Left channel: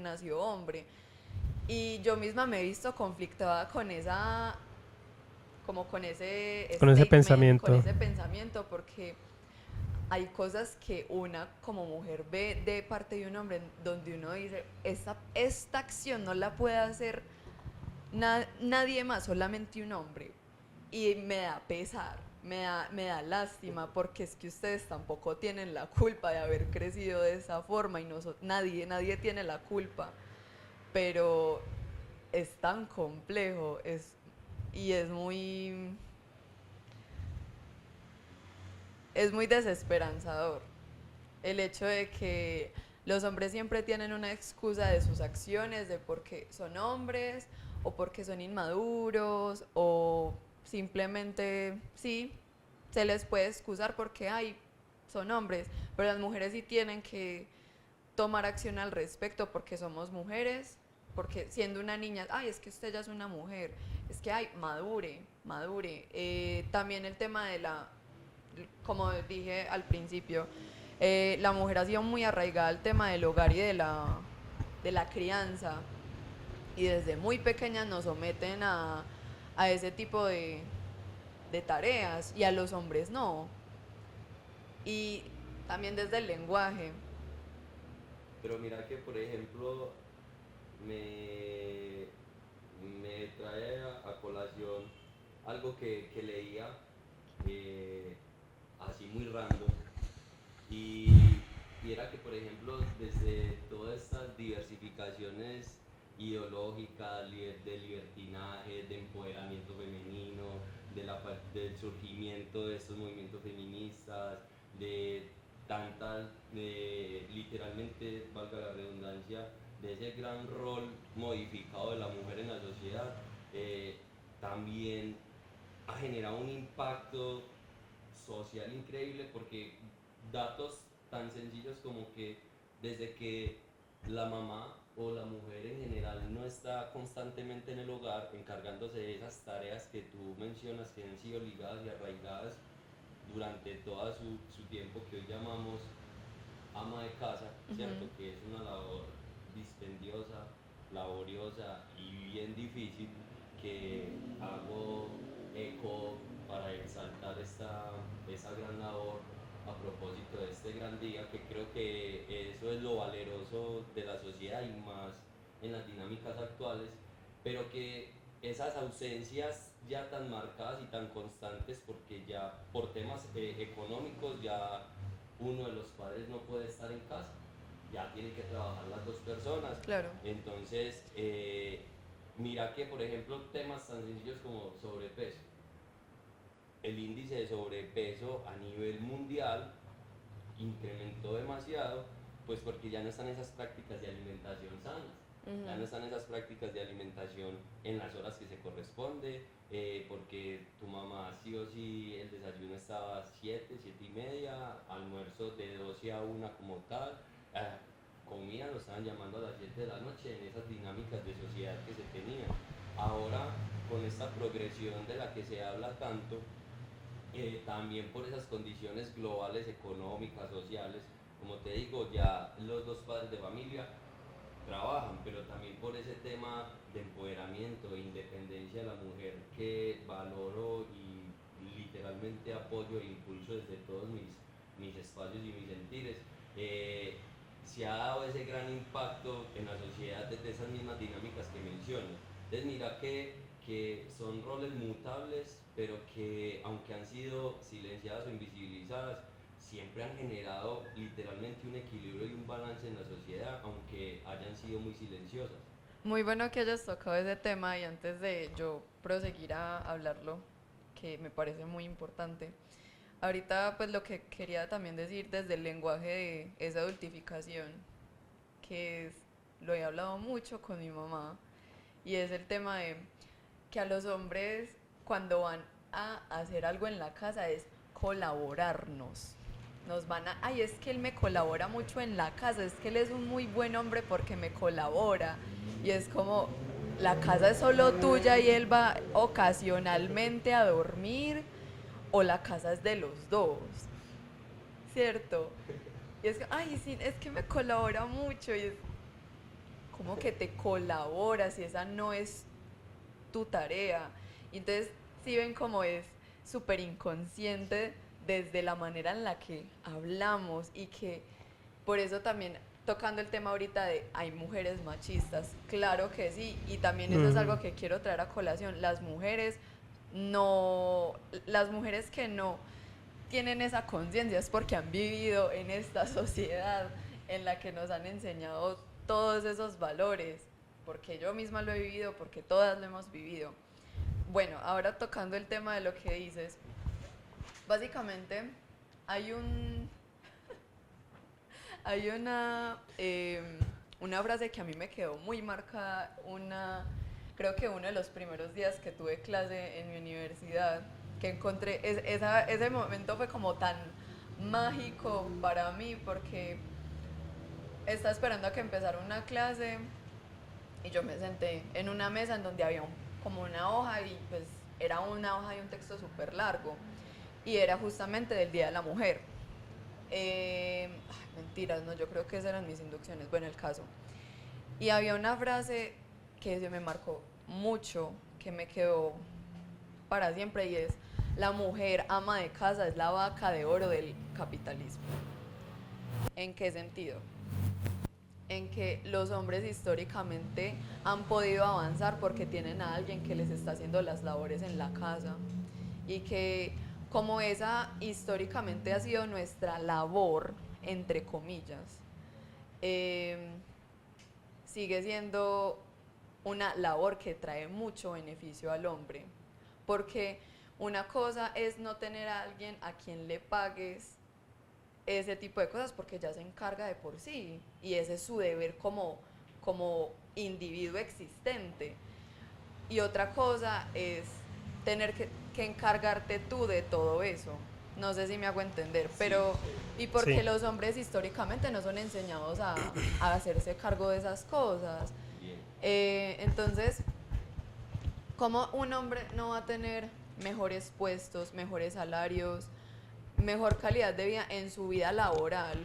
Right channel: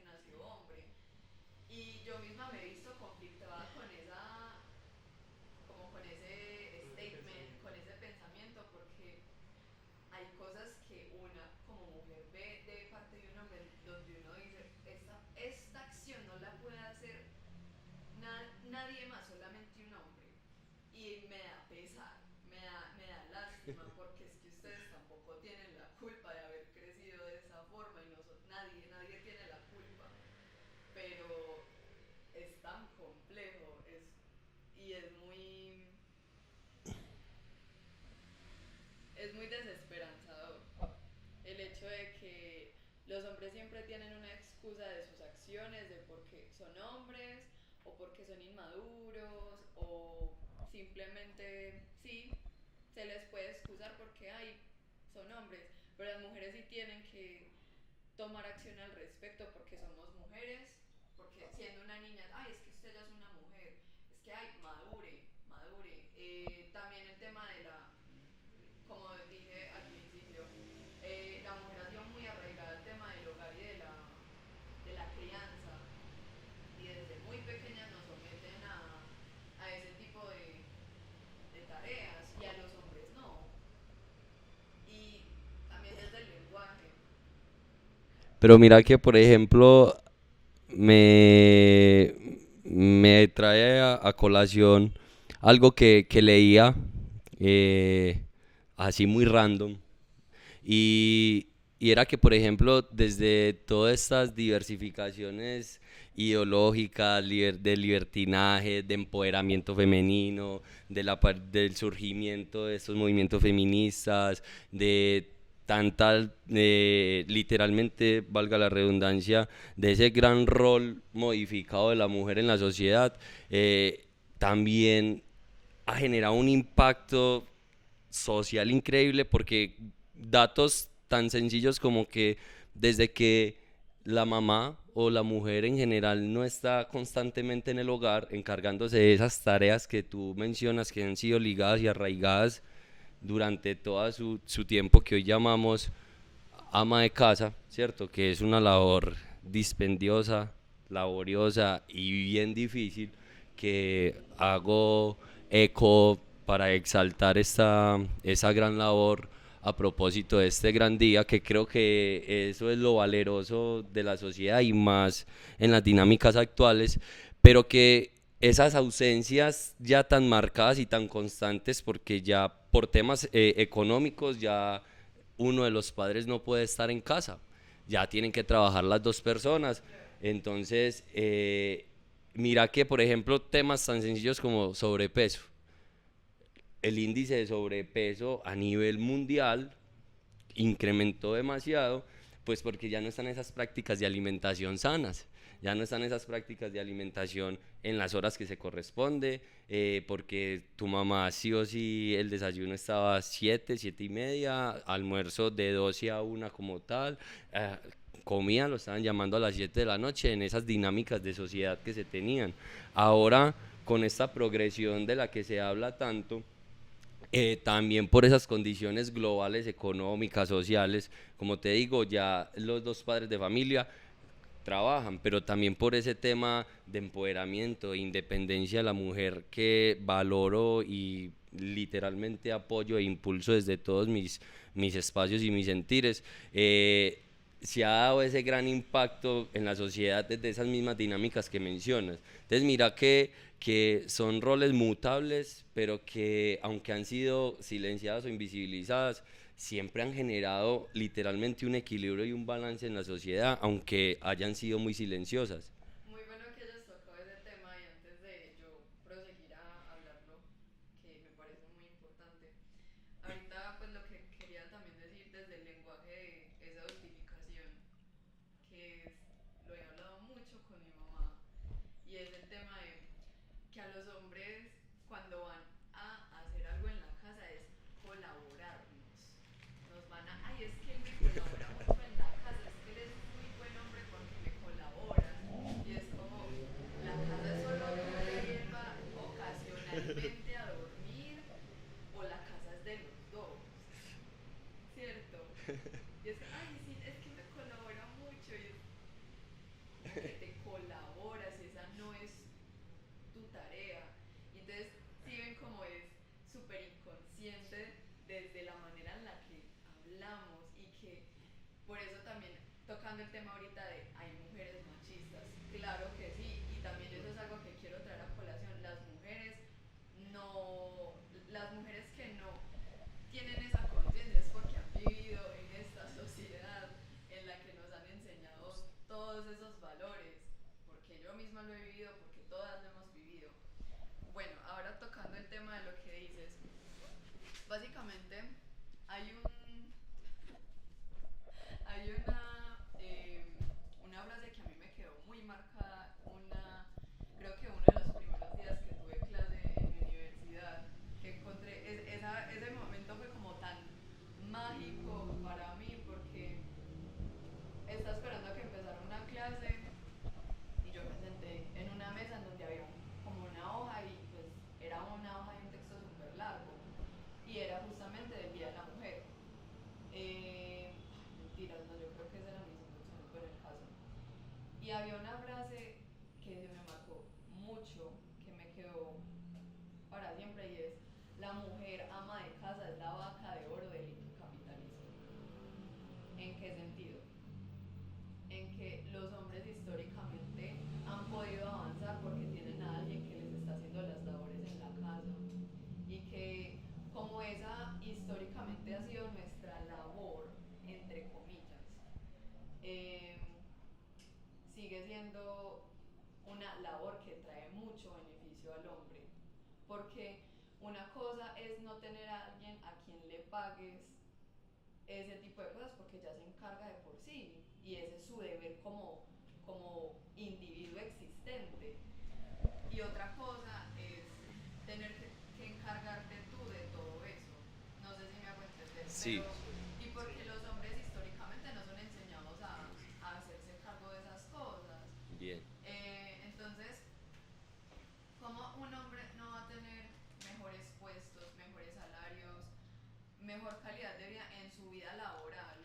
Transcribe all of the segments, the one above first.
nació hombre. Y yo misma me he visto conflictada con esa, como con ese Con ese statement, con pensamiento. ese pensamiento, porque hay cosas que una como mujer ve de parte de un hombre donde uno dice, esta acción no la puede hacer nadie más, solamente un hombre. Y me da pesar, me da lástima, porque es que ustedes tampoco tienen la culpa de haber crecido de esa forma y nadie tiene la culpa, pero es tan complejo y es muy desesperanzador el hecho de que los hombres siempre tienen una excusa de sus acciones, de porque son hombres o porque son inmaduros o simplemente, sí, se les puede excusar porque, ay, son hombres, pero las mujeres sí tienen que tomar acción al respecto porque somos mujeres, porque siendo una niña, ay, es que usted ya es una mujer, es que, ay, madure, madure. También el tema de como dije al principio, la mujer ha sido muy arraigada al tema del hogar y de la crianza, y desde muy pequeñas nos someten a ese tipo de tareas y a los hombres no. Y también desde el lenguaje. Pero mira que, por ejemplo, me, me trae a colación algo que leía eh, así muy random y, y era que, por ejemplo, desde todas estas diversificaciones ideológicas, del libertinaje, de empoderamiento femenino, del surgimiento de estos movimientos feministas, de tanta, literalmente, valga la redundancia, de ese gran rol modificado de la mujer en la sociedad, también ha generado un impacto social increíble porque datos tan sencillos como que desde que la mamá o la mujer en general no está constantemente en el hogar encargándose de esas tareas que tú mencionas que han sido ligadas y arraigadas durante todo su tiempo que hoy llamamos ama de casa, Ujú. ¿cierto? Que es una labor dispendiosa, laboriosa y bien difícil que hago eco para exaltar esa gran labor a propósito de este gran día, que creo que eso es lo valeroso de la sociedad y más en las dinámicas actuales, pero que esas ausencias ya tan marcadas y tan constantes, porque ya por temas económicos ya uno de los padres no puede estar en casa, ya tienen que trabajar las dos personas. Claro. Entonces, mira que, por ejemplo, temas tan sencillos como sobrepeso, el índice de sobrepeso a nivel mundial incrementó demasiado, pues porque ya no están esas prácticas de alimentación sanas, ya no Ujú. están esas prácticas de alimentación en las horas que se corresponde, porque tu mamá sí o sí el desayuno estaba a 7, 7 y media, almuerzo de 12 a 1 como tal, eh, comida lo estaban llamando a las 7 de la noche en esas dinámicas de sociedad que se tenían. Ahora, con esta progresión de la que se habla tanto, también por esas condiciones globales, económicas, sociales, como te digo, ya los dos padres de familia trabajan, pero también por ese tema de empoderamiento e independencia de la mujer que valoro y literalmente apoyo e impulso desde todos mis espacios y mis sentires, se ha dado ese gran impacto en la sociedad desde esas mismas dinámicas que mencionas. Entonces mira que son roles mutables, pero que aunque han sido silenciadas o invisibilizadas, siempre han generado literalmente un equilibrio y un balance en la sociedad, aunque hayan sido muy silenciosas. Muy bueno que hayas tocado ese tema y antes de yo proseguir a hablarlo, que me parece muy importante. Ahorita pues lo que quería también decir desde el lenguaje de esa adultificación, que es, lo he hablado mucho con mi mamá, y es el tema de que a los hombres cuando van a hacer algo en la casa es colaborarnos. Nos van a, ay, es que él me colabora mucho en la casa, es que él es un muy buen hombre porque me colabora. Y es como, la casa es solo tuya y él va ocasionalmente a dormir, o la casa es de los dos, ¿cierto? Y es que, ay, sí, es que me colabora mucho y es como que te colabora si esa no es tu tarea? Y entonces, si ven cómo es súper inconsciente desde la manera en la que hablamos y que por eso también tocando el tema ahorita de hay mujeres machistas, claro que sí, y también eso es algo que quiero traer a colación, las mujeres que no tienen esa conciencia es porque han vivido en esta sociedad en la que nos han enseñado todos esos valores, porque yo misma lo he vivido, porque todas lo hemos vivido. Bueno, ahora tocando el tema de lo que dices, básicamente hay una frase que a mí me quedó muy marcada, creo que uno de los primeros días que tuve clase en mi universidad, que encontré, ese momento fue como tan mágico para mí porque estaba esperando a que empezara una clase y yo me senté en una mesa en donde había como una hoja y pues era una hoja y un texto súper largo y era justamente del Día de la Mujer. Mentiras, no, yo creo que esas eran mis inducciones, bueno, el caso. Y había una frase que se me marcó mucho, que me quedó para siempre y es, la mujer ama de casa es la vaca de oro del capitalismo. ¿En qué sentido? En que los hombres históricamente han podido avanzar porque tienen a alguien que les está haciendo las labores en la casa y que como esa históricamente ha sido nuestra labor, entre comillas, eh, sigue siendo una labor que trae mucho beneficio al hombre, porque una cosa es no tener a alguien a quien le pagues ese tipo de cosas porque ya se encarga de por sí y ese es su deber como individuo existente. Y otra cosa es tener que encargarte tú de todo eso. No sé si me hago entender, Sí, pero y porque Sí. los hombres históricamente no son enseñados a hacerse cargo de esas cosas. bien. Entonces, ¿cómo un hombre no va a tener mejores puestos, mejores salarios, mejor calidad de vida en su vida laboral?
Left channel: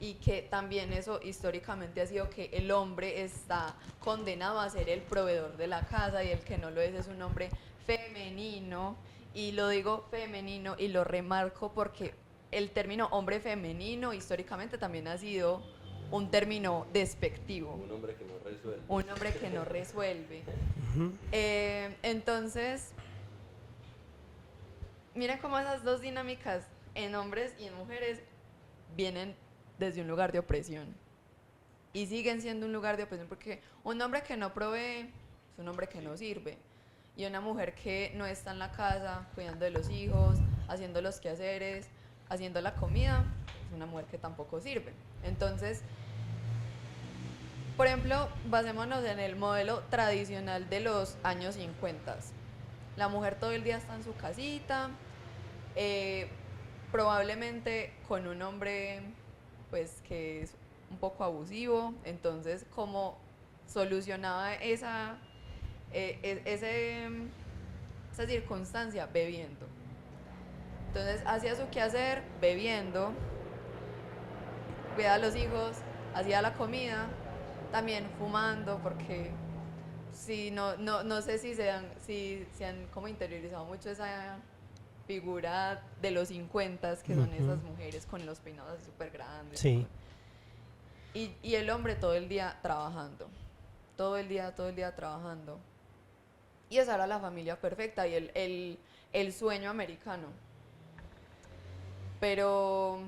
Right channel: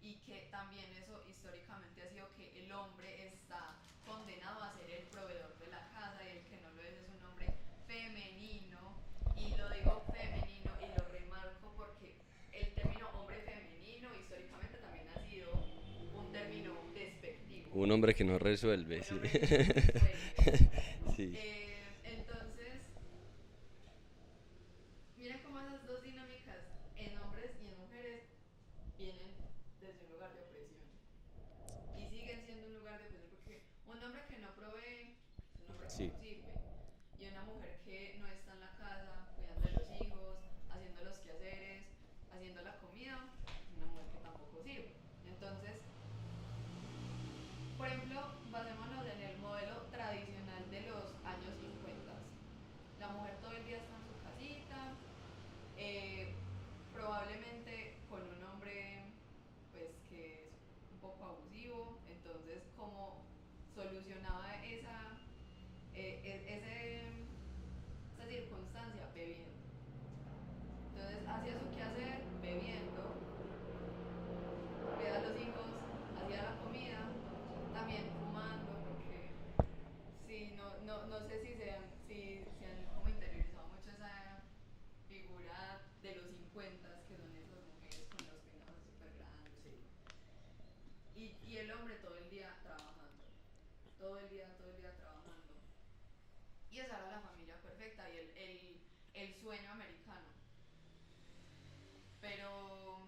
Y que también eso históricamente ha sido que el hombre está condenado a ser el proveedor de la casa y el que no lo es un hombre femenino. Y lo digo femenino y lo remarco porque el término hombre femenino históricamente también ha sido un término despectivo. Un hombre que no resuelve. Un hombre que no resuelve. Sí. Entonces, miren cómo esas dos dinámicas en hombres y en mujeres vienen desde un lugar de opresión y siguen siendo un lugar de opresión porque un hombre que no provee es un hombre que Sí. no sirve y una mujer que no está en la casa cuidando de los hijos, haciendo los quehaceres, haciendo la comida, es una mujer que tampoco sirve. Entonces, por ejemplo, basémonos en el modelo tradicional de los años 50. La mujer todo el día está en su casita, probablemente con un hombre pues que es un poco abusivo, entonces cómo solucionaba esa circunstancia bebiendo. Entonces hacía su quehacer bebiendo, cuidaba a los hijos, hacía la comida, también fumando, porque sí, no sé si se han como interiorizado mucho esa figura de los 50 que son esas mujeres con los peinados súper grandes. Sí. Y el hombre todo el día trabajando, todo el día trabajando. Y esa era la familia perfecta y el sueño americano. Pero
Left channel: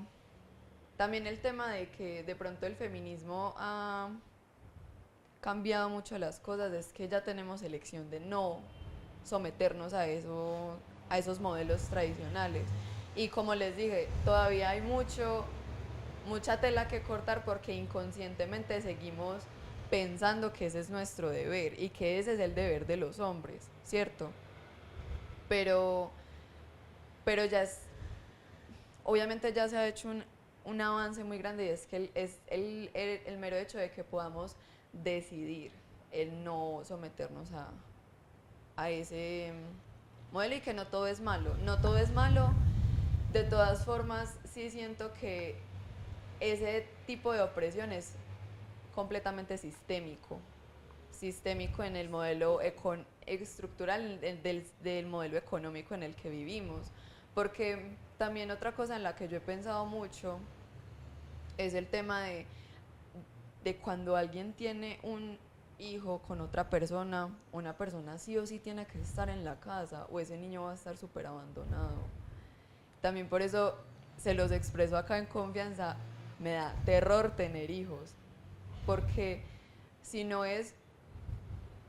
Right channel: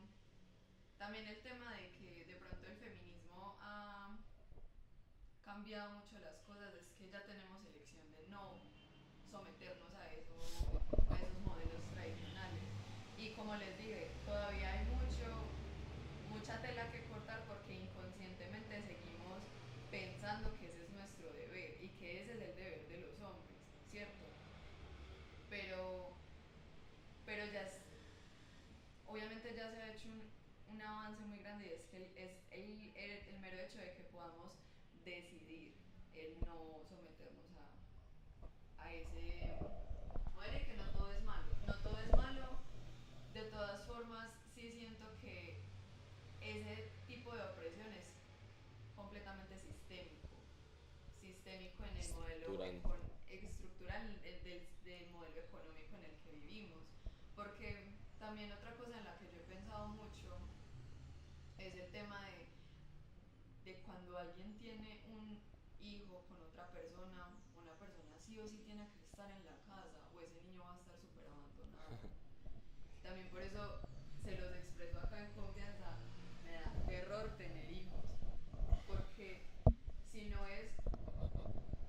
también el tema de que de pronto el feminismo ha cambiado mucho las cosas es que ya tenemos elección de no someternos a esos modelos tradicionales. Y como les dije, todavía hay mucha tela que cortar porque inconscientemente seguimos pensando que ese es nuestro deber y que ese es el deber de los hombres, ¿cierto? Pero ya obviamente ya se ha hecho un avance muy grande y es que es el mero hecho de que podamos decidir el no someternos a ese modelo y que no todo es malo. No todo es malo. De todas formas, sí siento que ese tipo de opresión es completamente sistémico en el modelo estructural del modelo económico en el que vivimos. Porque también otra cosa en la que yo he pensado mucho es el tema de cuando alguien tiene un hijo con otra persona, una persona sí o sí tiene que estar en la casa o ese niño va a estar súper abandonado. También por eso se los expreso acá en confianza, me da terror tener hijos, porque si no es,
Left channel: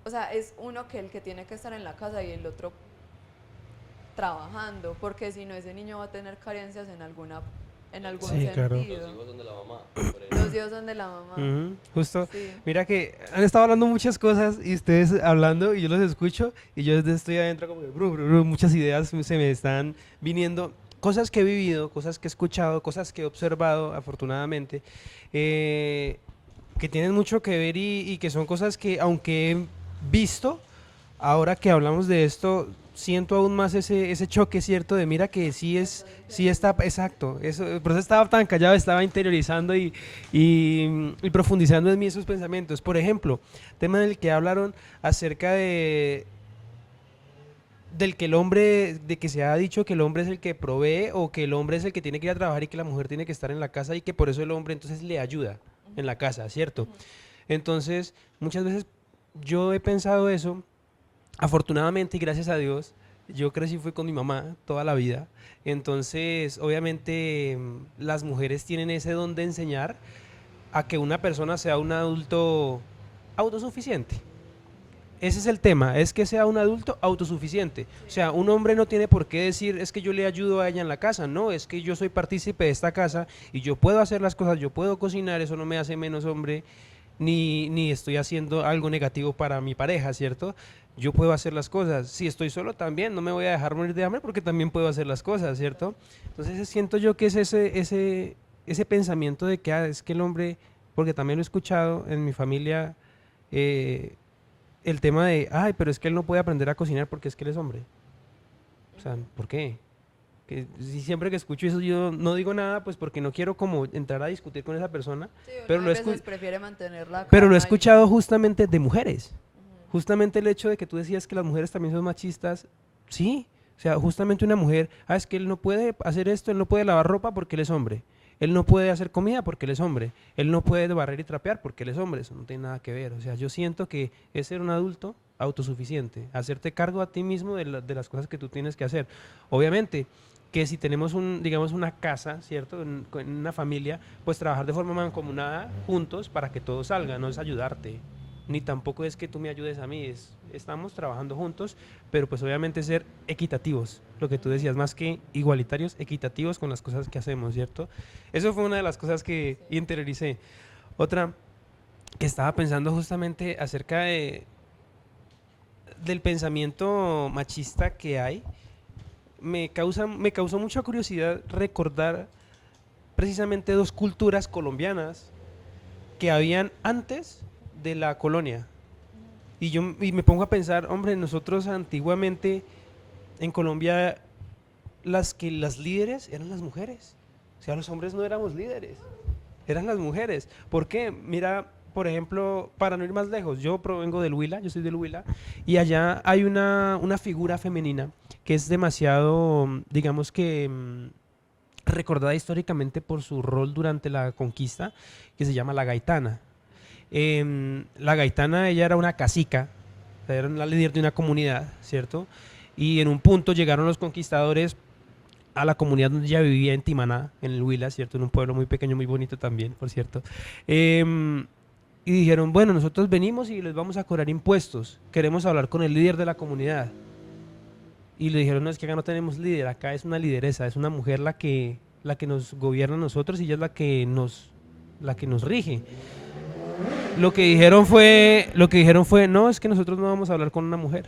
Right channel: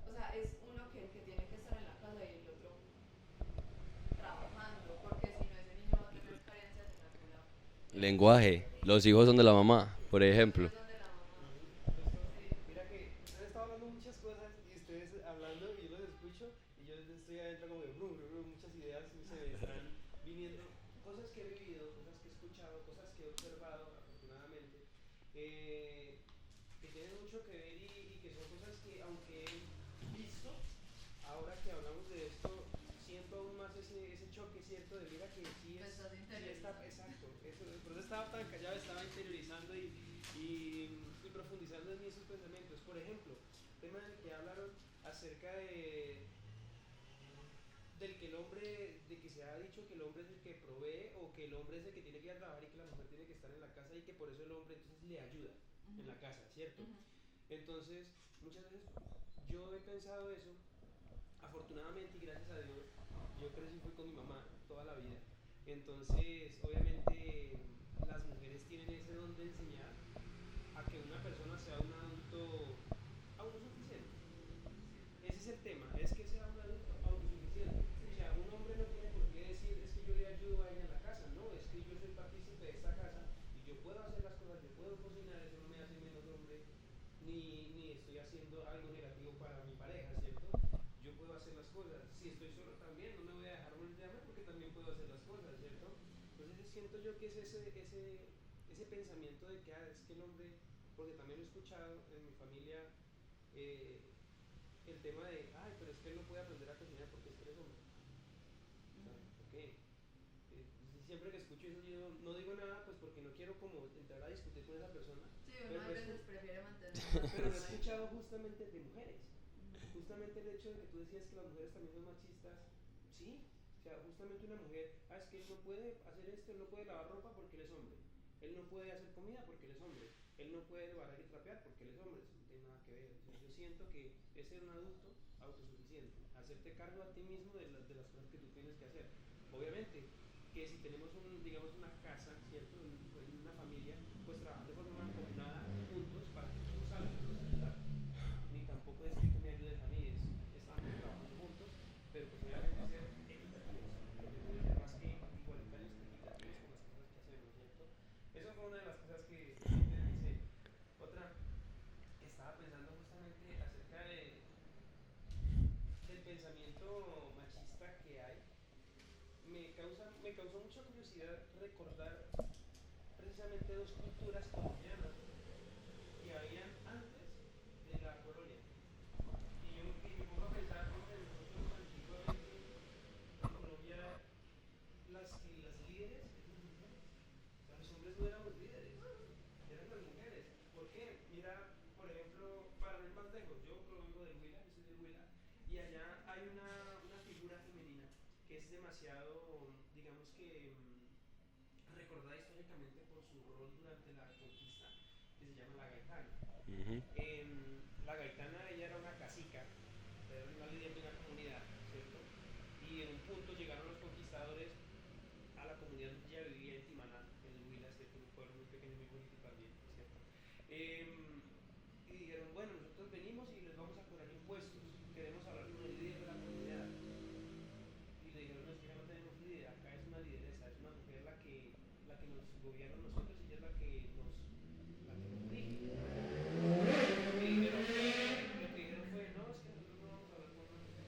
o sea, es uno que el que tiene que estar en la casa y el otro trabajando, porque si no ese niño va a tener carencias en alguna en algún Lenguaje. Sí, claro. sentido. Los hijos son de la mamá, por Los ejemplo. hijos son de la mamá. Justo, Sí. mira que han estado hablando muchas cosas y ustedes hablando y yo los escucho y yo desde estoy adentro como que muchas ideas se me están viniendo, cosas que he vivido, cosas que he escuchado, cosas que he observado afortunadamente, que tienen mucho que ver y que son cosas que aunque he visto, ahora que hablamos de esto, siento aún más ese choque, ¿cierto? De mira que sí está, exacto, eso, por eso estaba tan callado, estaba interiorizando y profundizando en mí esos pensamientos. Por ejemplo, tema en el que hablaron acerca del que el hombre, de que se ha dicho que el hombre es el que provee o que el hombre es el que tiene que ir a trabajar y que la mujer tiene que estar en la casa y que por eso el hombre entonces le ayuda en la casa, ¿cierto? Entonces, muchas veces yo he pensado eso. Afortunadamente y gracias a Dios, yo crecí fue con mi mamá toda la vida. Entonces, obviamente, las mujeres tienen ese don de enseñar a que una persona sea un adulto autosuficiente. Ese es el tema, es que sea un adulto autosuficiente. O sea, un hombre no tiene por qué decir, es que yo le ayudo a ella en la casa. No, es que yo soy partícipe de esta casa y yo puedo hacer las cosas, yo puedo cocinar, eso no me hace menos hombre ni estoy haciendo algo negativo para mi pareja, ¿cierto? Yo puedo hacer las cosas. Si estoy solo también, no me voy a dejar morir de hambre porque también puedo hacer las cosas, ¿cierto? Entonces siento yo que es ese pensamiento de que es que el hombre, porque también lo he escuchado en mi familia, el tema de, ay, pero es que él no puede aprender a cocinar porque es que él es hombre. O sea, ¿por qué? Que siempre que escucho eso yo no digo nada, pues porque no quiero como entrar a discutir con esa persona, Sí, uno pero a lo, veces prefiere mantener la pero lo he calma y- escuchado justamente de mujeres. Justamente el hecho de que tú decías que las mujeres también son machistas, sí. O sea, justamente una mujer, es que él no puede hacer esto, él no puede lavar ropa porque él es hombre. Él no puede hacer comida porque él es hombre. Él no puede barrer y trapear porque él es hombre. Eso no tiene nada que ver. O sea, yo siento que es ser un adulto autosuficiente, hacerte cargo a ti mismo de las cosas que tú tienes que hacer. Obviamente que si tenemos digamos una casa, ¿cierto? En una familia, pues trabajar de forma mancomunada juntos para que todo salga, no es ayudarte, ni tampoco es que tú me ayudes a mí, estamos trabajando juntos, pero pues obviamente ser equitativos, lo que tú decías, más que igualitarios, equitativos con las cosas que hacemos, ¿cierto? Eso fue una de las cosas que interioricé. Otra que estaba pensando justamente acerca del pensamiento machista que hay, me causó mucha curiosidad recordar precisamente dos culturas colombianas que habían antes de la colonia. Y me pongo a pensar, hombre, nosotros antiguamente en Colombia las líderes eran las mujeres. O sea, los hombres no éramos líderes, eran las mujeres. ¿Por qué? Mira, por ejemplo, para no ir más lejos, yo provengo del Huila, yo soy del Huila, y allá hay una figura femenina que es demasiado, digamos que recordada históricamente por su rol durante la conquista, que se llama la gaitana. La gaitana, ella era una cacica, o sea, era la líder de una comunidad, ¿cierto? Y en un punto llegaron los conquistadores a la comunidad donde ella vivía en Timaná, en el Huila, ¿cierto? En un pueblo muy pequeño, muy bonito también, por cierto. Y dijeron, bueno, nosotros venimos y les vamos a cobrar impuestos, queremos hablar con el líder de la comunidad. Y le dijeron, no, es que acá no tenemos líder, acá es una lideresa, es una mujer la que nos gobierna a nosotros y ella es la que nos rige. Lo que dijeron fue, no, es que nosotros no vamos a hablar con una mujer.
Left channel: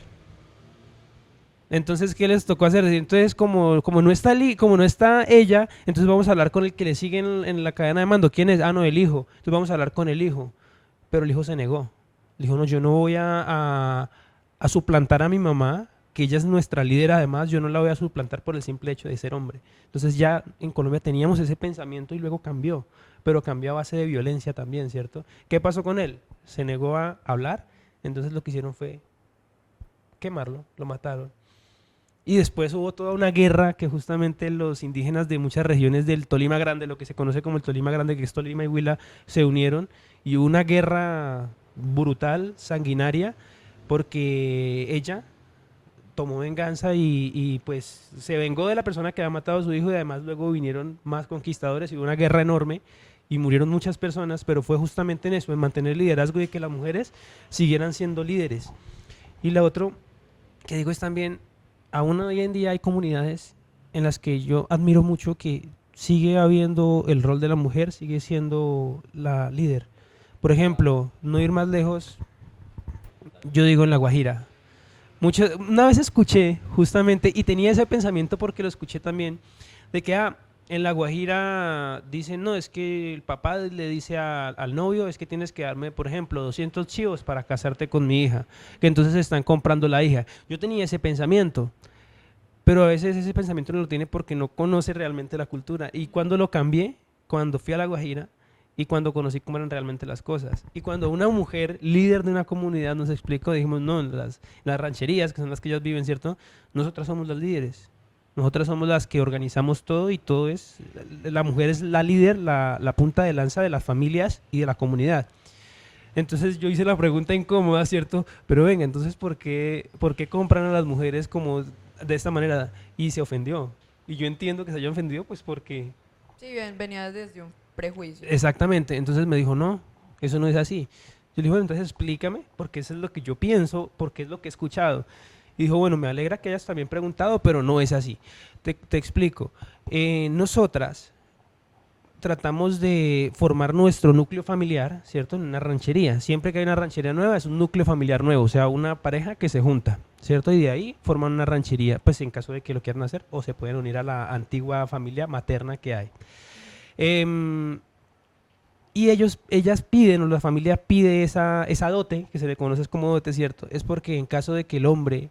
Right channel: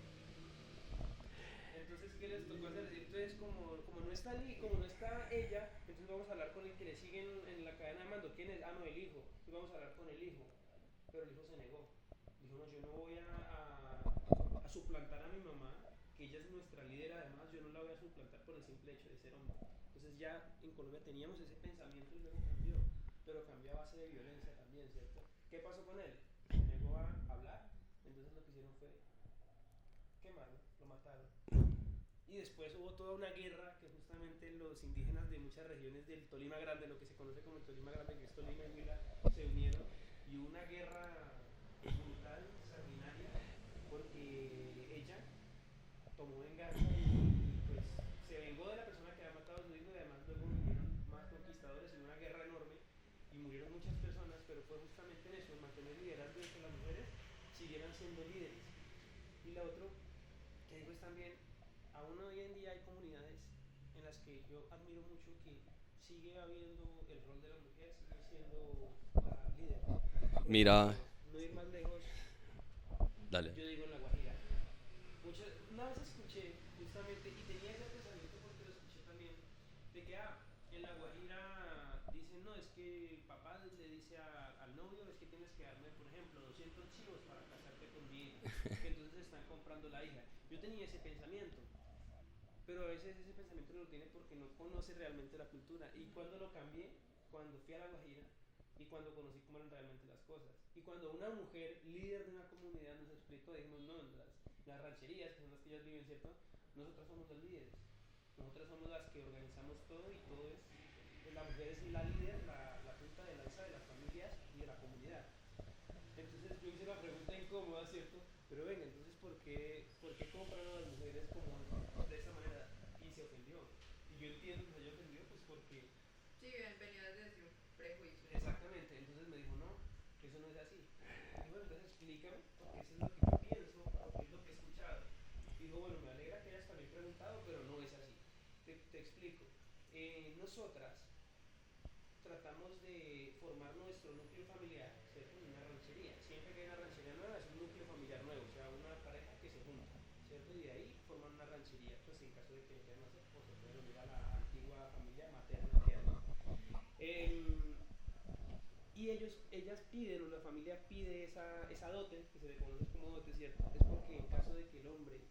Entonces, ¿qué les tocó hacer? Entonces, como no está ella, entonces vamos a hablar con el que le sigue en la cadena de mando. ¿Quién es? Ah, no, el hijo. Entonces vamos a hablar con el hijo. Pero el hijo se negó. Dijo, no, yo no voy a suplantar a mi mamá que ella es nuestra líder, además yo no la voy a suplantar por el simple hecho de ser hombre. Entonces ya en Colombia teníamos ese pensamiento y luego cambió, pero cambió a base de violencia también, ¿cierto? ¿Qué pasó con él? Se negó a hablar, entonces lo que hicieron fue quemarlo, lo mataron. Y después hubo toda una guerra que justamente los indígenas de muchas regiones del Tolima Grande, lo que se conoce como el Tolima Grande, que es Tolima y Huila, se unieron y hubo una guerra brutal, sanguinaria, porque ella tomó venganza y pues se vengó de la persona que había matado a su hijo y además luego vinieron más conquistadores y hubo una guerra enorme y murieron muchas personas, pero fue justamente en eso, en mantener el liderazgo y que las mujeres siguieran siendo líderes. Y la otra que digo es también, aún hoy en día hay comunidades en las que yo admiro mucho que sigue habiendo el rol de la mujer, sigue siendo la líder. Por Mira, ejemplo, no ir más lejos, dale. yo digo en La Guajira. Una vez escuché justamente, y tenía ese pensamiento porque lo escuché también, de que en La Guajira dicen, no, es que el papá le dice al novio, es que tienes que darme, por ejemplo, 200 chivos para casarte con mi hija, que entonces están comprando la hija. Yo tenía ese pensamiento, pero a veces ese pensamiento no lo tiene porque no conoce realmente la cultura. Y cuando lo cambié, cuando fui a La Guajira y cuando conocí cómo eran realmente las cosas. Y cuando una mujer líder de una comunidad nos explicó, dijimos, no, las rancherías, que son las que ellas viven, ¿cierto? Nosotras somos las líderes. Nosotras somos las que organizamos todo y todo es, la mujer es la líder, la punta de lanza de las familias y de la comunidad. Entonces yo hice la pregunta incómoda, ¿cierto? Pero venga, entonces por qué compran a las mujeres como de esta manera? Y se ofendió. Y yo entiendo que se haya ofendido, pues porque... Sí, bien, venía desde un prejuicio. Exactamente. Entonces me dijo, no, eso no es así. Yo le dije, bueno, entonces explícame, porque eso es lo que yo pienso, porque es lo que he escuchado. Y dijo, bueno, me alegra que hayas también preguntado, pero no es así. Te explico. Nosotras tratamos de formar nuestro núcleo familiar, ¿cierto? En una ranchería. Siempre que hay una ranchería nueva es un núcleo familiar nuevo, o sea, una pareja que se junta, ¿cierto? Y de ahí forman una ranchería, pues en caso de que lo quieran hacer, o se pueden unir a la antigua familia materna que hay. Em, y ellas piden, o la familia pide esa dote, que se le conoce como dote, ¿cierto? Es porque en caso de que el hombre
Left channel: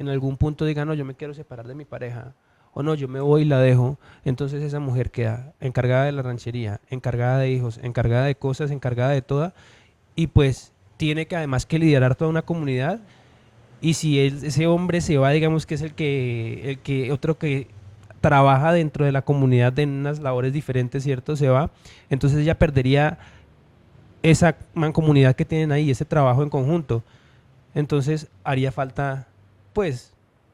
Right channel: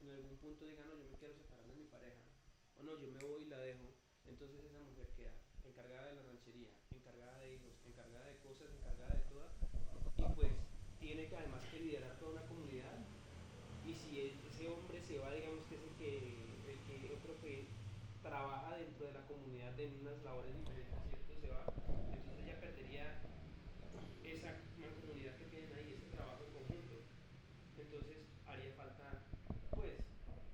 en algún punto diga, no, yo me quiero separar de mi pareja, o no, yo me voy y la dejo, entonces esa mujer queda encargada de la ranchería, encargada de hijos, encargada de cosas, encargada de toda, y pues tiene que además que liderar toda una comunidad, y si ese hombre se va, digamos que es otro que trabaja dentro de la comunidad en unas labores diferentes, ¿cierto? Se va, entonces ella perdería esa mancomunidad que tienen ahí, ese trabajo en conjunto. Entonces haría falta, pues,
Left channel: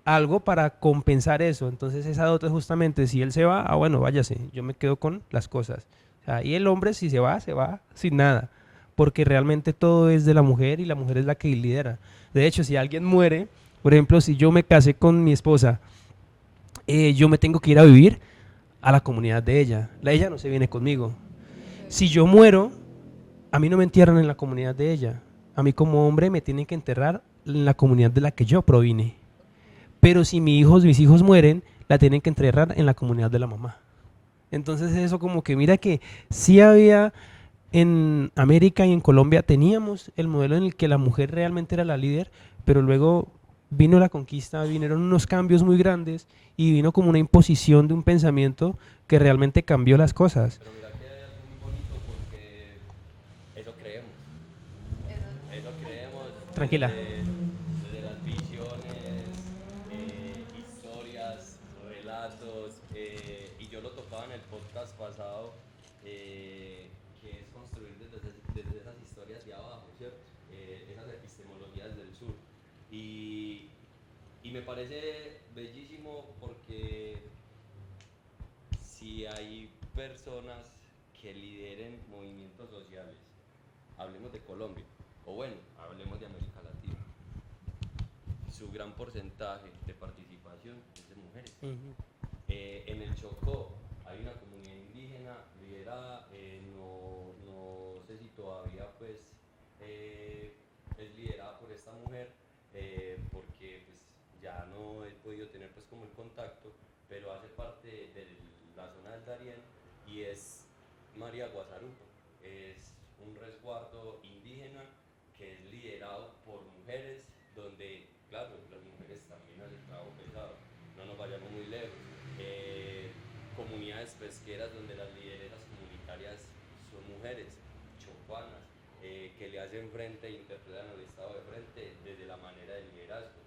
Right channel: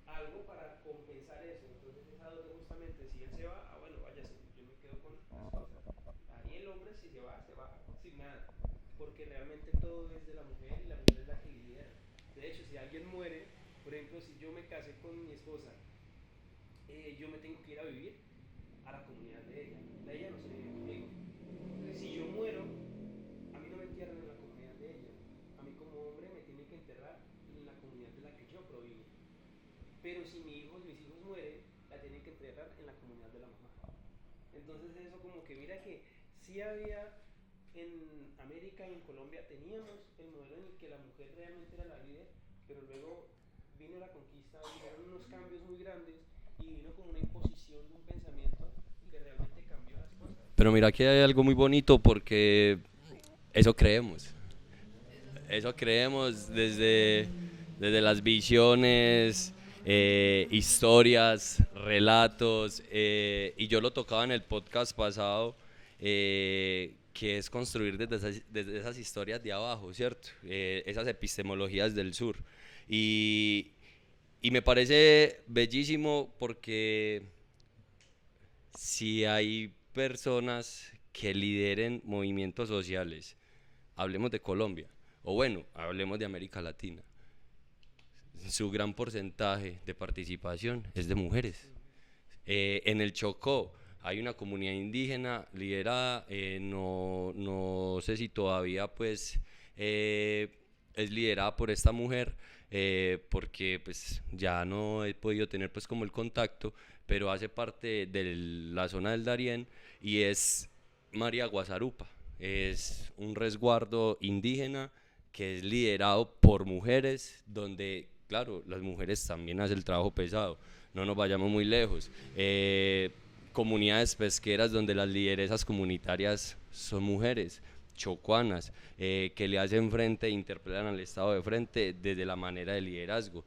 algo para compensar eso. Entonces esa dote justamente, si él se va, bueno, váyase, yo me quedo con las cosas. O sea, y el hombre si se va sin nada, porque realmente todo es de la mujer y la mujer es la que lidera. De hecho, si alguien muere, por ejemplo, si yo me casé con mi esposa, yo me tengo que ir a vivir a la comunidad de ella. Ella no se viene conmigo. Ok. Si yo muero, a mí no me entierran en la comunidad de ella. A mí como hombre me tienen que enterrar en la comunidad de la que yo provine. Pero si mis hijos mueren, la tienen que enterrar en la comunidad de la mamá. Entonces eso como que mira que sí había en América y en Colombia teníamos el modelo en el que la mujer realmente era la líder, pero luego vino la conquista, vinieron unos cambios muy grandes y vino como una imposición de un pensamiento que realmente cambió las cosas. Pero mira que hay algo muy bonito porque eso creemos. Eso es Eso creemos Tranquila. desde las visiones, historias, relatos, y yo lo tocaba en el podcast pasado, que es construir desde esas historias de abajo, ¿cierto? Esas epistemologías del sur. Y, y me parece bellísimo porque si hay personas que lideren movimientos sociales, hablemos de Colombia, o bueno, hablemos de América Latina, su gran porcentaje de participación es de mujeres. En el Chocó hay una comunidad indígena liderada, no sé si todavía pues es liderada por esta mujer, porque pues ya no he podido tener pues como el contacto, pero hace parte de la zona del Darién y es María Guazarupa. Es un resguardo indígena que es liderado por mujeres, donde claro, las mujeres también hacen el trabajo pesado, no nos vayamos muy lejos. Comunidades pesqueras donde las lideresas comunitarias son mujeres, chocuanas, que le hacen frente e interpelan al Estado de frente desde la manera de liderazgo.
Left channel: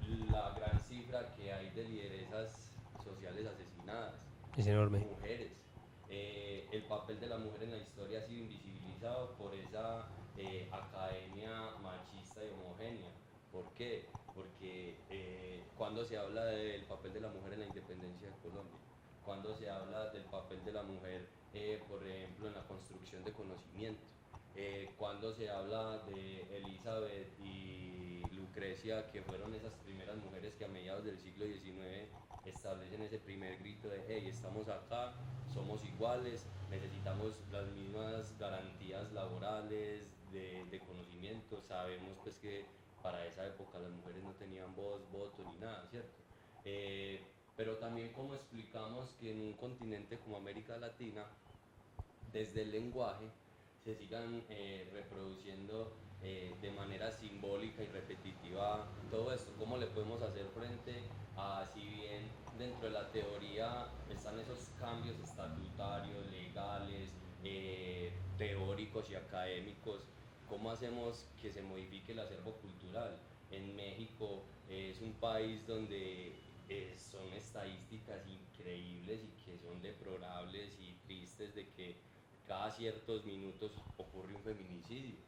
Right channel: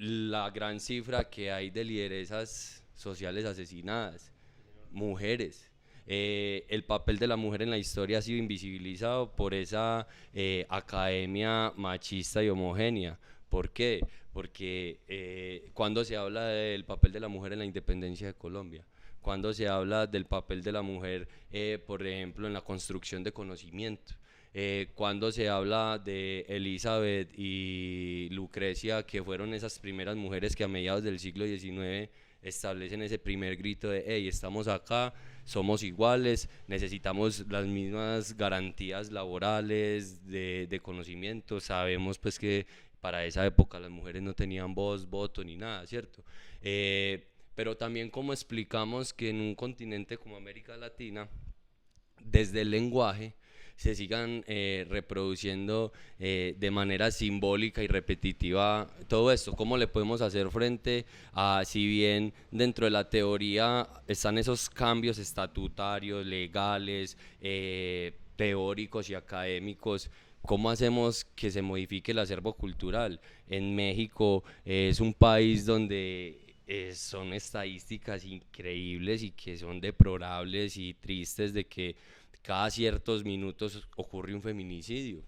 La gran cifra que hay de lideresas sociales asesinadas, Es enorme. mujeres. El papel de la mujer en la historia ha sido invisibilizado por esa academia machista y homogénea. ¿Por qué? Porque cuando se habla del papel de la mujer en la independencia de Colombia, cuando se habla del papel de la mujer, por ejemplo, en la construcción de conocimiento, cuando se habla de Elizabeth y Lucrecia, que fueron esas primeras mujeres que a mediados del siglo XIX establecen ese primer grito de hey, estamos acá, somos iguales, necesitamos las mismas garantías laborales, de conocimiento. Sabemos pues que para esa época las mujeres no tenían voz, voto ni nada, ¿cierto? Pero también como explicamos que en un continente como América Latina, desde el lenguaje, se sigan reproduciendo de manera simbólica y repetitiva todo esto. ¿Cómo le podemos hacer frente a, si bien dentro de la teoría están esos cambios estatutarios, legales, teóricos y académicos, cómo hacemos que se modifique el acervo cultural? En México es un país donde son estadísticas increíbles y que son deplorables y tristes de que cada ciertos minutos ocurre un feminicidio.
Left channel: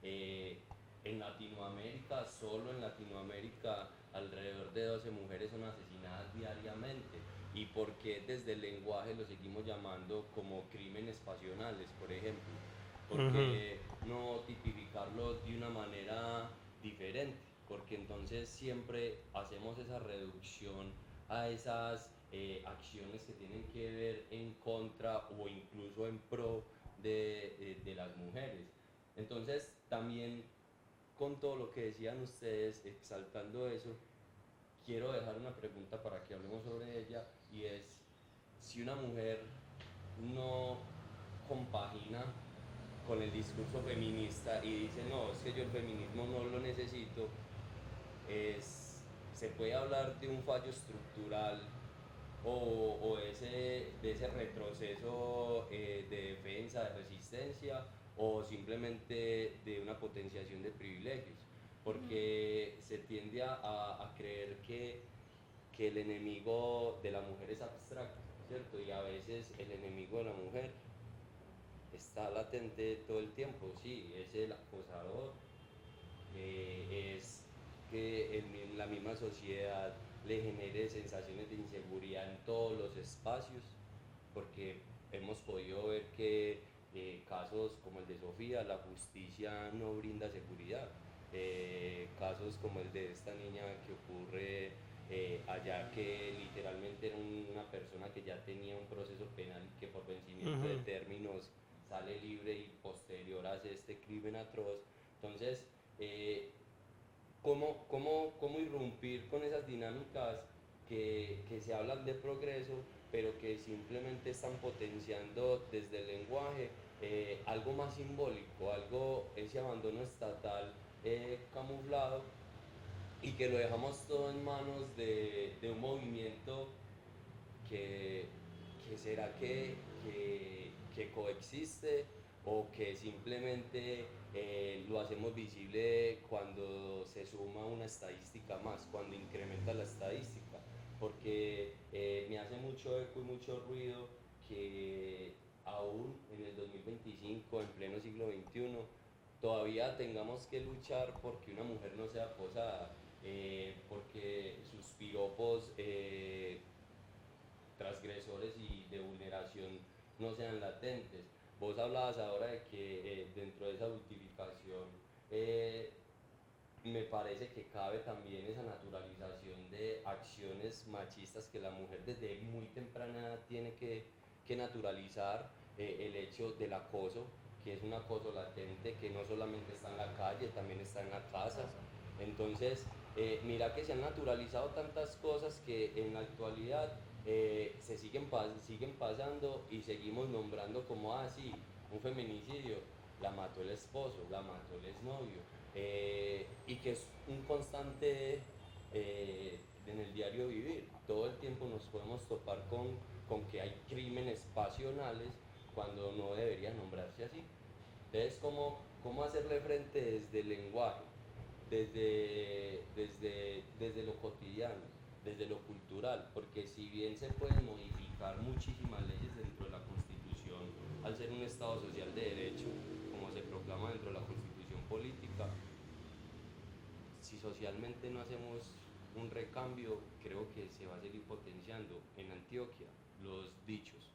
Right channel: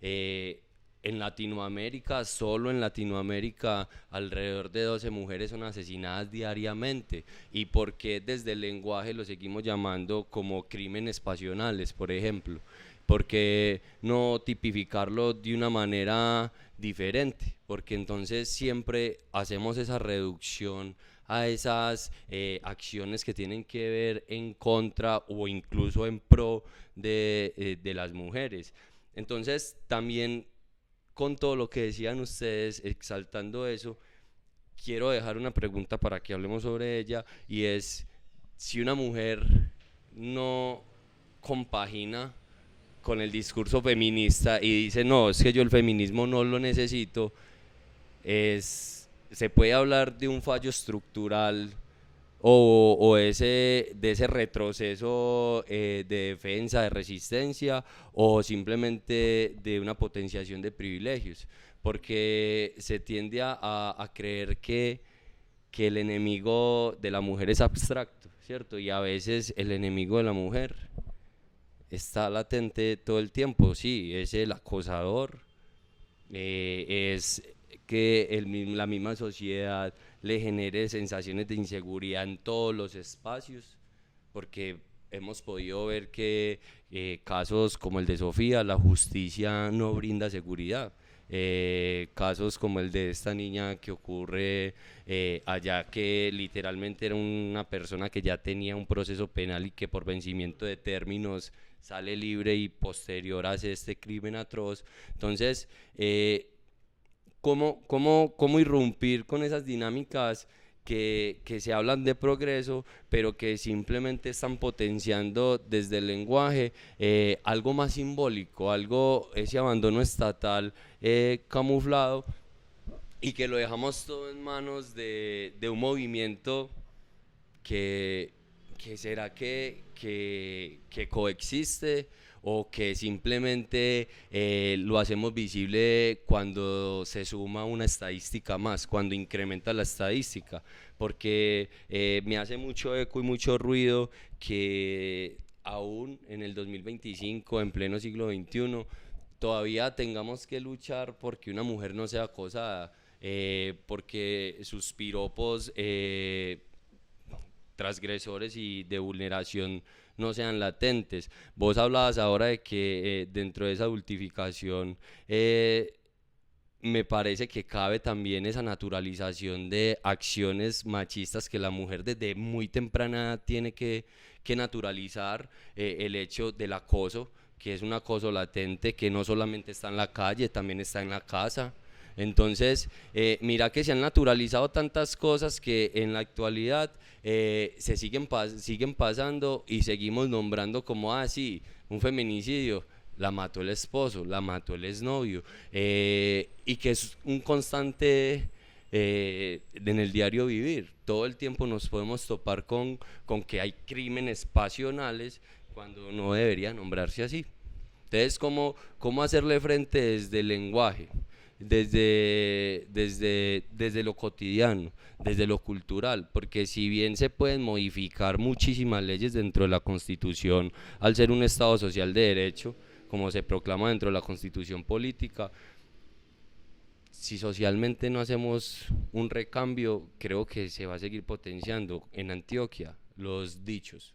En Latinoamérica, solo en Latinoamérica, alrededor de 12 mujeres son asesinadas diariamente. ¿Y por qué desde el lenguaje lo seguimos llamando como crímenes pasionales, por ejemplo? ¿Por qué no tipificarlo de una manera diferente? Porque entonces siempre hacemos esa reducción a esas acciones que tienen que ver en contra o incluso en pro de las mujeres. Entonces también con todo lo que decían ustedes, exaltando eso, quiero dejar una pregunta para que hablemos sobre ella, y es si una mujer no compagina con el discurso feminista y dice no, es que yo el feminismo no lo necesito, se puede hablar de un fallo estructural o de ese retroceso de defensa, de resistencia, o simplemente de una potenciación de privilegios, porque se tiende a creer que el enemigo de la mujer es abstracto, ¿cierto? Y a veces el enemigo de la mujer está latente todo el tiempo, sí, es el acosador, es que la misma sociedad le genere sensaciones de inseguridad en todos los espacios, porque hemos podido ver que casos como el de Sofía, la justicia no brinda seguridad. Casos como el de esta niña que ocurre allá, que literalmente era una persona que ya tenía un proceso penal y que por vencimiento de términos sale libre y posterior hace este crimen atroz. Entonces, ¿cómo irrumpir con esas dinámicas que se hablan de progreso, pero que simplemente están potenciando desde el lenguaje algo más simbólico, ese abandono estatal camuflado, y que lo dejamos todo en manos de un movimiento que será que coexiste, o que simplemente lo hacemos visible cuando se suma una estadística más, cuando incrementa la estadística? Porque me hace mucho eco y mucho ruido que aún en el 2025, en pleno siglo XXI, todavía tengamos que luchar porque una mujer no sea acosada, porque sus piropos transgresores y de vulneración no sean latentes. Vos hablabas ahora de que dentro de esa adultificación me parece que cabe también esa naturalización de acciones machistas que la mujer desde muy temprana edad tiene que naturalizar, el hecho del acoso, que es un acoso latente, que no solamente está en la calle, también está en la casa. Entonces, mira que se han naturalizado tantas cosas que en la actualidad se siguen pasando y seguimos nombrando como, sí, un feminicidio, la mató el esposo, la mató el exnovio, y que es un constante en el diario vivir. Todo el tiempo nos podemos topar con que hay crímenes pasionales cuando no debería nombrarse así. Entonces, ¿cómo hacerle frente desde el lenguaje, desde lo cotidiano, desde lo cultural? Porque si bien se pueden modificar muchísimas leyes dentro de la Constitución, al ser un Estado social de derecho, como se proclama dentro de la Constitución política, si socialmente no hacemos un recambio, creo que se va a seguir potenciando en Antioquia los dichos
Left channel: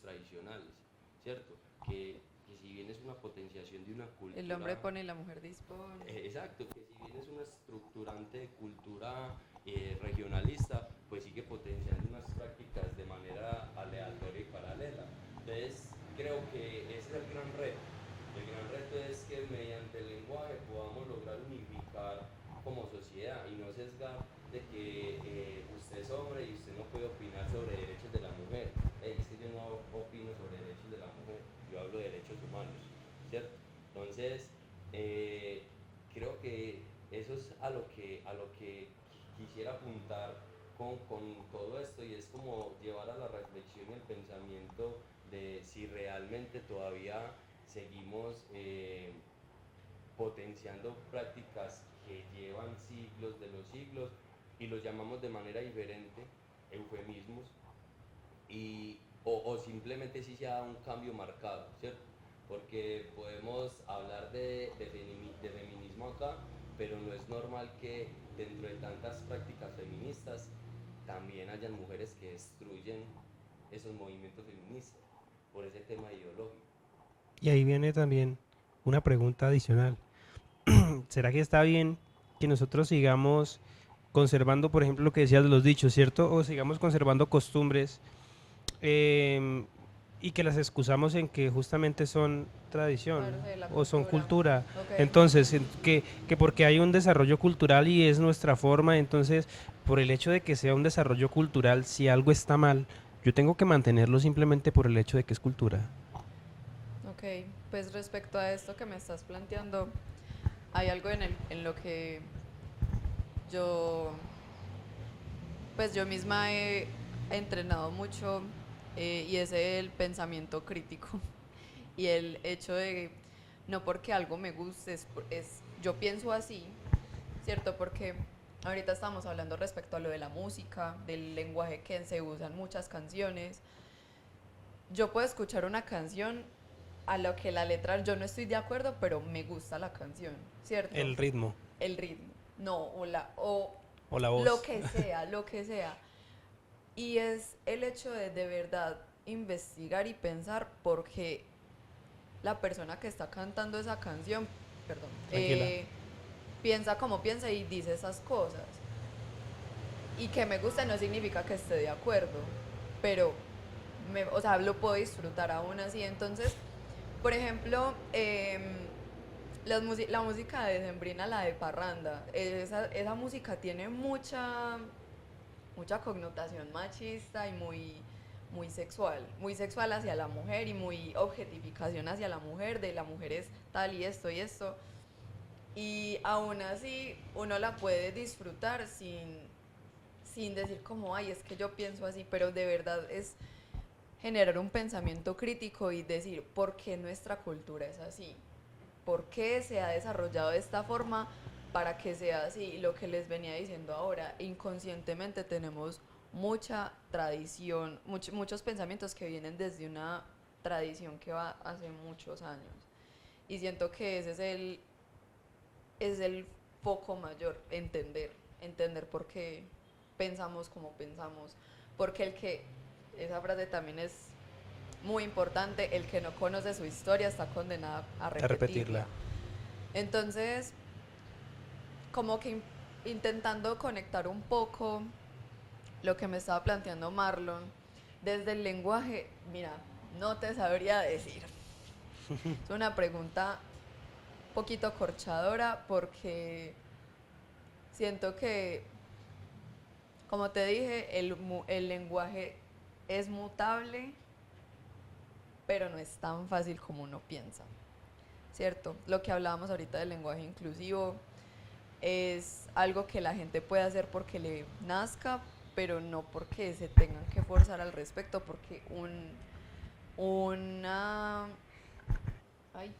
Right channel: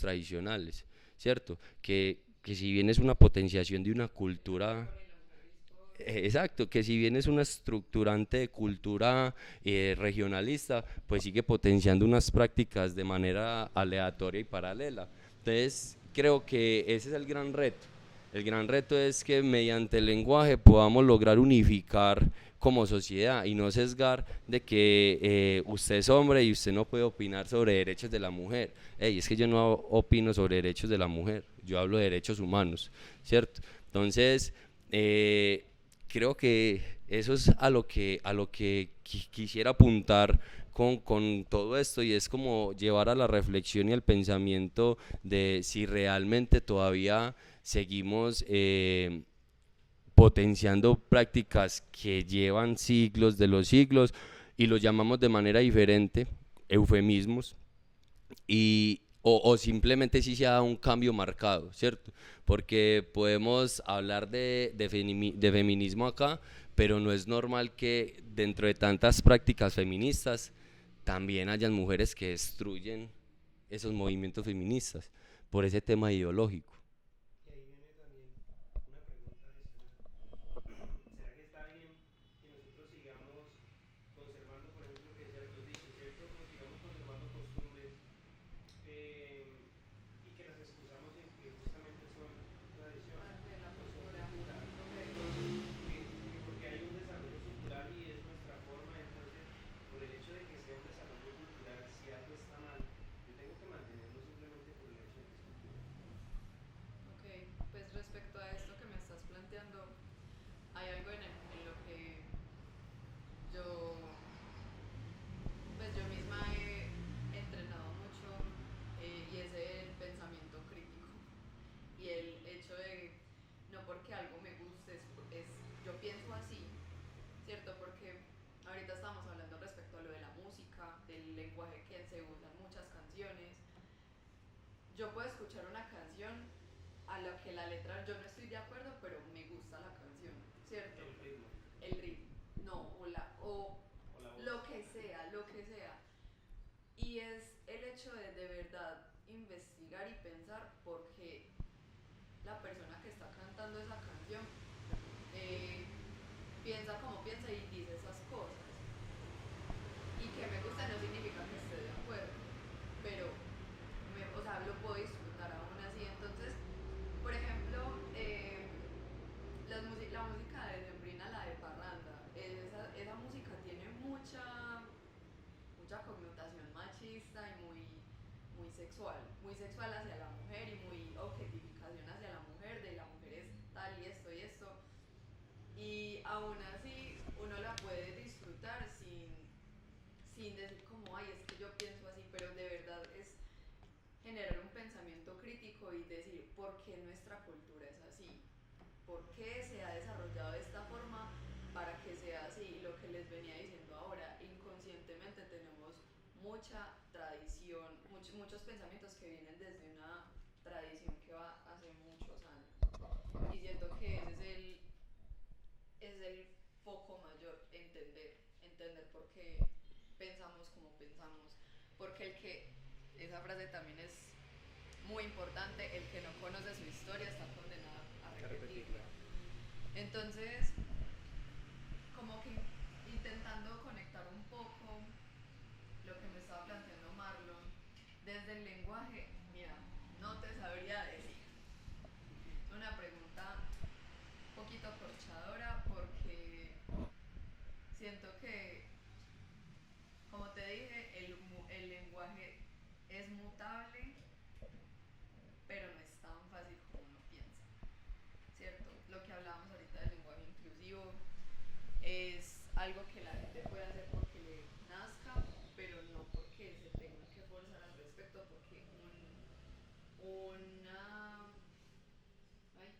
tradicionales, ¿cierto? Que si bien es una potenciación de una El cultura. hombre pone y la mujer dispone. Exacto, que si bien es una estructurante de cultura regionalista, pues sigue potenciando unas prácticas de manera aleatoria y paralela. Entonces, creo que ese es el gran reto. El gran reto es que mediante el lenguaje podamos lograr unificar como sociedad y no sesgar de que usted es hombre y usted no puede opinar sobre derechos de la mujer. Ey, es que yo no opino sobre derechos de la mujer, yo hablo de derechos humanos, ¿cierto? Entonces, creo que eso es a lo que quisiera apuntar con todo esto, y es como llevar a la reflexión y al pensamiento de si realmente todavía seguimos potenciando prácticas que llevan siglos de los siglos y los llamamos de manera diferente, eufemismos, o simplemente si se ha dado un cambio marcado, ¿cierto? Porque podemos hablar de feminismo acá, pero no es normal que dentro de tantas prácticas feministas también hayan mujeres que destruyen esos movimientos feministas por ese tema ideológico. Y ahí viene también una pregunta adicional. ¿Será que está bien que nosotros sigamos conservando, por ejemplo, lo que decías de los dichos, ¿cierto? O sigamos conservando costumbres em, y que las excusamos en que justamente son tradición Parte de la o son cultura. cultura. Ok. Entonces, que porque hay un desarrollo cultural y es nuestra forma, entonces, por el hecho de que sea un desarrollo cultural, si algo está mal, yo tengo que mantenerlo simplemente por el hecho de que es cultura. Ok, pues respecto a esto que me estás planteando, hay algo en lo que yo, pues yo misma he entrenado mucho, y es el pensamiento crítico y el hecho de no porque algo me guste, yo pienso así, ¿cierto? Porque ahorita estamos hablando respecto a lo de la música, del lenguaje que se usa en muchas canciones. Yo puedo escuchar una canción a lo que la letra yo no estoy de acuerdo, pero me gusta la canción, ¿cierto? El ritmo El ritmo, no, o o la lo voz. que sea, lo que sea. Y es el hecho de verdad investigar y pensar por qué la persona que está cantando esa canción, perdón, Tranquila. piensa como piensa y dice esas cosas. Y que me gusta no significa que esté de acuerdo, pero, o sea, lo puedo disfrutar aún así. Entonces, por ejemplo, la música de Sembrina, la de Parranda, esa música tiene mucha connotación machista y muy sexual hacia la mujer y muy objetificación hacia la mujer, de la mujer es tal y esto y esto. Y aún así uno la puede disfrutar sin decir como, ay, es que yo pienso así, pero de verdad es generar un pensamiento crítico y decir, ¿por qué nuestra cultura es así? ¿Por qué se ha desarrollado de esta forma para que sea así? Lo que les venía diciendo ahora, inconscientemente tenemos mucha tradición, muchos pensamientos que vienen desde una tradición que va hace muchos años. Y siento que ese es el foco mayor, entender por qué pensamos como pensamos, porque esa frase también es muy importante, el que no conoce su historia está condenado a A repetirla. repetirla. Entonces, como que intentando conectar un poco lo que me estaba planteando Marlon, desde el lenguaje, mira, no te sabría decir. Es una pregunta un poquito corchadora porque siento que, como te dije, el lenguaje es mutable, pero no es tan fácil como uno piensa, ¿cierto? Lo que hablábamos ahorita del lenguaje inclusivo es algo que la gente puede hacer porque le nazca, pero no porque se tengan que forzar al respecto, porque una... Ay,